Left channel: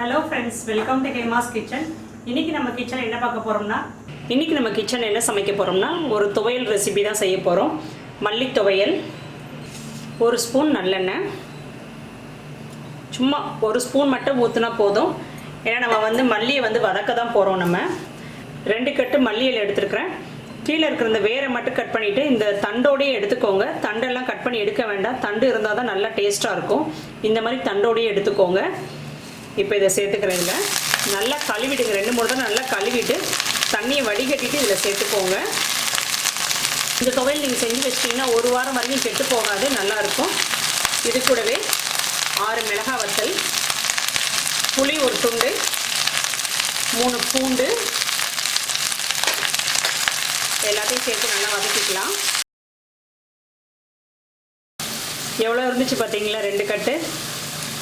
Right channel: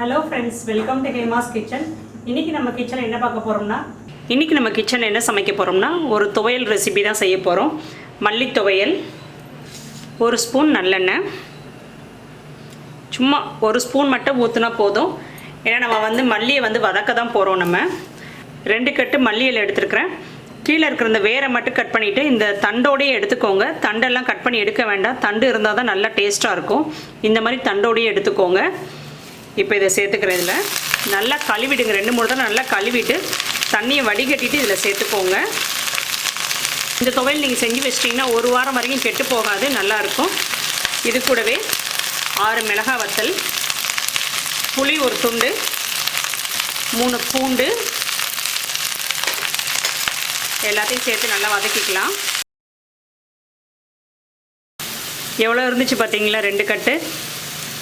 Hello friends welcome to Hema's kitchen இன்னைக்கு நம்ம கிச்சனில் என்ன பார்க்க போகிறோம்னா இன்னைக்கு நம்ம கிச்சனில் என்ன சமைக்க போகிறோம்னா ஒரு துவையல் ரெசிபி தான் செய்ய போகிறோம் மல்லி துவையல் ஒரு ஸ்பூன் நல்லெண்ணெய். சும்மா ஒரு ஸ்பூன் மட்டும் ஊற்றுனா போதும். ஏன்னா நம்ம வந்து மல்லியை வந்து வதக்க தான் போகிறோம் நம்ம. ரெண்டு கட்டு மல்லியில் எடுத்துருக்கிறேன். கீழே இருக்கிற இந்த வேரை மட்டும் கட் பண்ணிவிட்டு இந்த தண்டோடையே எடுத்துக்கோங்க. தண்டெல்லாம் கட் பண்ணி எடுக்க வேண்டாம். தண்டு இருந்தால் தான் நல்லா டேஸ்ட்டாக இருக்கும். இந்த மாதிரி தண்டோடையே எடுத்துக்கோங்க. இப்போ இதை சேர்த்துக்கிறேன் இதில். நல்லா கழுவிடுங்க. ரெண்டு மூணு தடவை நல்லா கழுவிட்டு தண்ணியை வடிகட்டிட்டு இதில் சேர்த்துக்கோங்க. இந்த துவையல் நீங்கள் செஞ்சு வச்சிட்டிங்கன்னா ஒரு வாரம் வரைக்கும் கெட்டு போகாது நல்லாயிருக்கும் இது கூடவே ஆறு மிளகாய் வத்தல் புளி ஒரு துண்டு மூணு பூண்டு எல்லாத்தையும் சேர்த்து நல்லா வதக்கிக்கலாம். எவ்வளோ இருந்துச்சு பார்த்தீங்களா? ரெண்டு கட்டு.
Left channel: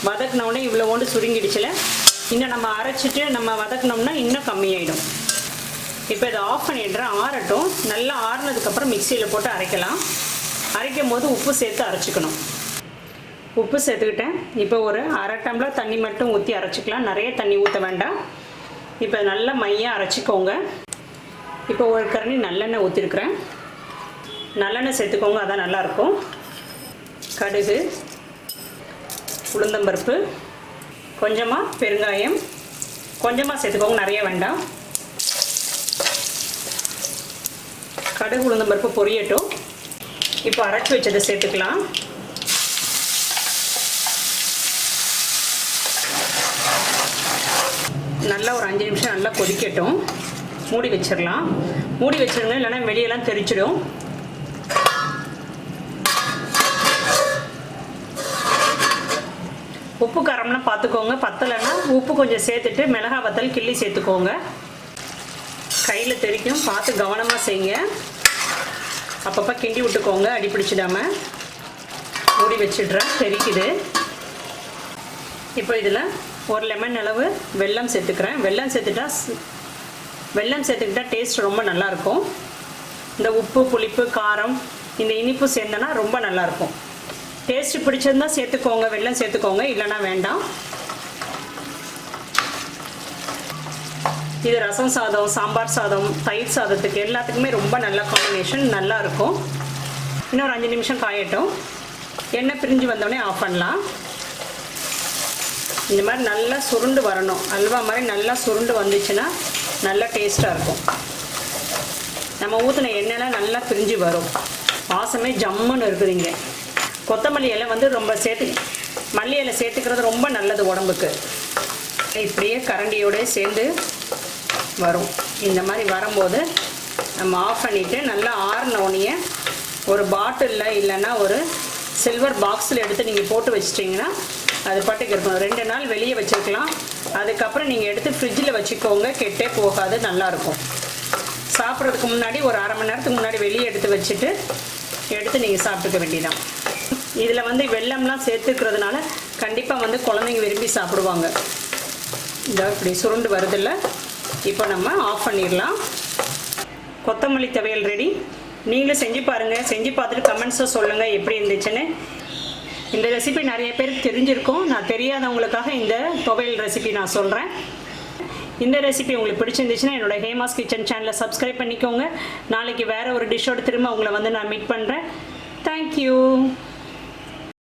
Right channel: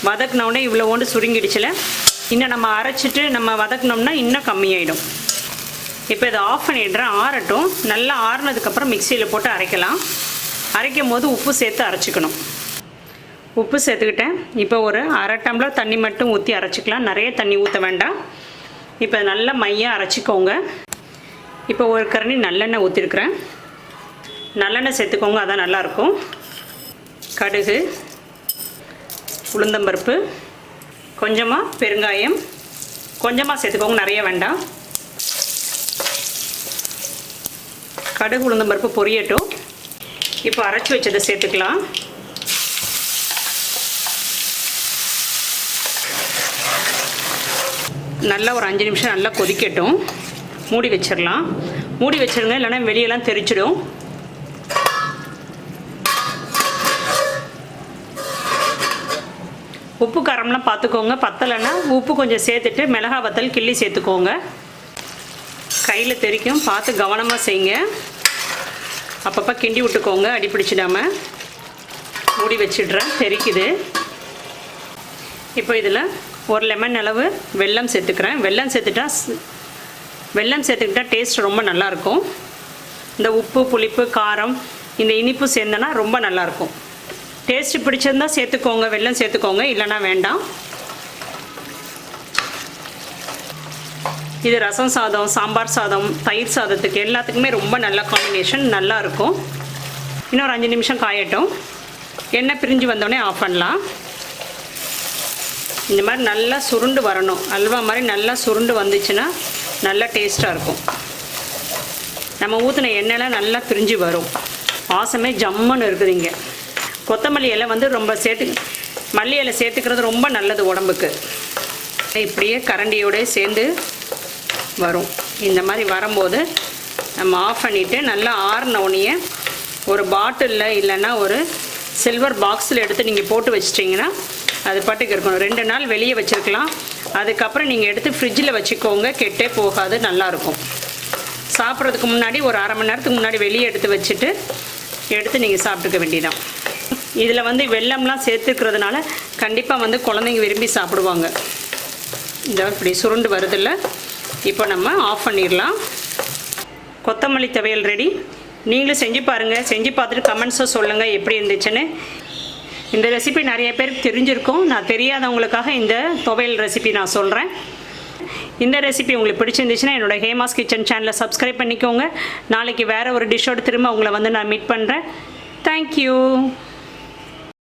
வதக்கினோடனே இவ்வளோ ஒன்று சுருங்கிடுச்சுல இன்னும் நம்ம அரைச்சிட்டு நம்ம வதக்குனோம்னா இன்னும் கம்மியாயிடும். இப்போ இதை ஆஃப் பண்ணிடுறேன் ஆறட்டும். நல்லா ஆறுனதுக்கப்புறம் மிக்சியில் போட்டு அரைக்கலாம். அரைக்கும் போது உப்பு சேர்த்து அரைச்சிக்கணும். உப்பு சேர்த்துக்கிட்டேன். இப்போ ஒரு அரை டம்ளர் தண்ணி மட்டும் ஊற்றி அரைச்சிக்கலாம். நிறைய தண்ணி ஊற்ற வேண்டாம். இப்போ நல்லா மையாக அரைச்சிக்கோங்க. இப்போ ஒரு கரணி நல்லெண்ணெய் ஊற்றிருக்கிறேன் நல்லெண்ணெய் சேர்த்துக்கோங்க அதான் நல்லாயிருக்கும் கடுகு. உளுந்தம்பருப்பு கொஞ்சமாக பெருங்காயம் கொஞ்சமாக சேர்த்துக்கோங்க நிறைய வேண்டாம். கடுகு உளுந்தம்பருப்பு பொரியட்டும். இப்போ அரைச்சி வச்சதை சேர்த்துக்கலாம். நல்லா ஒரு அஞ்சு நிமிஷம் நல்லா கொதிக்கட்டும். மூடி வச்சிடலாம். மூடி வச்சிருங்க இல்லைன்னா வெளியெல்லாம் தெரிச்சிடும் உப்பு காரம்லாம் பார்த்துக்கோங்க. பத்தலைன்னா உப்பு கொஞ்சம் சேர்த்துட்டு மிளகா வத்தல் கிள்ளி சேர்த்துக்கோங்க. கையில் தெரிக்கும். பார்த்து கவனமாக செய்யுங்க. அப்பப்போ கிண்டி விட்டுக்கோங்க. அடி பிடிச்சிடாம. மூடி வச்சிடுறேன். தெரிக்குது. இப்போ இதில் ஒரு லெமன் அளவு வெல்லம் சேர்த்துக்கிறேன். வெல்லம் சேர்த்துட்டா வெல்லம் சேர்த்துக்கிட்டா டேஸ்ட் ரொம்ப நல்லாயிருக்கும் இந்த உப்பு புளிப்பு காரம் இந்த இனிப்பு சேர்ந்தனா ரொம்ப நல்லாயிருக்கும் டேஸ்ட் பிடிச்சிருந்தா சேர்த்துக்கோங்க வெள்ளம் சேர்த்துக்கோங்க இல்லைன்னா வேண்டாம். இது ரசம் சாதம் சாம்பார் சாதம் தயிர் சாதத்துக்கு எல்லாத்துக்குமே ரொம்ப நல்ல காம்பினேஷன் நல்லா இருக்கும். ஒரு அஞ்சு நிமிஷம் காயட்டும். எண்ணெய் பிரிஞ்சு வந்தோடனே ஆஃப் பண்ணலாம். இந்த மாதிரி நல்லா சுருண்டு வரணும். அல்வா மாதிரி நல்லா சுருண்டு வந்துச்சுன்னா நல்லா டேஸ்ட்டாக இருக்கும். நம்ம ஊற்றின எண்ணெய்லாம் நல்லா பிரிஞ்சு வரும். வாசமே ஜம்முன்னு இருக்குதுங்க கொத்தமல்லி இலை வந்து ரொம்ப சேர்த்து மல்லி இலை சேர்த்துக்கிறது ரொம்ப நல்லது உடம்புக்கு. இப்படியே கரண்டியோடய சேர்ந்து வரும். இந்த மாதிரி வரும்போது நம்ம ஆஃப் பண்ணிவிட்டு நல்லா ஆறின உடனே ஒரு பாட்டிலில் இல்லைன்னா ஒரு சில்வர் பாக்ஸில் எடுத்து நீங்கள் போட்டு வச்சிட்டிங்கன்னா அது பாட்டுக்கு இருக்கணும். ரெண்டு நாள் வெளியே வச்சுருக்கலாம். அதுக்கப்புறம் நீங்கள் எடுத்து ஃப்ரிட்ஜில் வச்சுக்கோங்க. கெட்டே போகாது நல்லாயிருக்கும் சாப்பிட்றதுக்கு முன்னாடி ஒரு அரை மணி நேரத்துக்கு முன்னாடி வெளியே எடுத்து வச்சுட்டு எடுத்து நீங்கள் சாப்பிட்டுக்க வேண்டியதான் இதில் வந்து வெள்ளம்லாம் சேர்த்துக்கிறதுனால கண்டிப்பாக வந்து குழந்தைங்க விரும்பி சாப்பிடுவாங்க. இந்த இப்படி சுருண்டு வருதில்ல இப்போ நம்ம ஆஃப் பண்ணிடலாம். கொத்தமல்லி துவையல் ரெடி நீங்களும் செஞ்சு பாருங்கள் செஞ்சு பார்த்துட்டு கமெண்ட்ஸை சொல்லுங்கள் எப்படி இருந்துச்சுன்னு. இந்த ரெசிபி நிறைய பேருக்கு தெரிஞ்சிருக்கும். நான் தெரியாதவங்களுக்காக இந்த துவையல் ரெசிபி நான் சொல்கிறேன் இந்த ரெசிபி உங்களுக்கு பிடிச்சிருந்துச்சுன்னா என்னோட ஹேமாஸ் கிச்சன் சேனலை சப்ஸ்கிரைப் பண்ணிக்கோங்க. நாளைக்கு வேறு ஒரு டிஷ்ஷோட திரும்ப உங்களை வந்து நான் மீட் பண்ணுறேன் தேங்க்யூ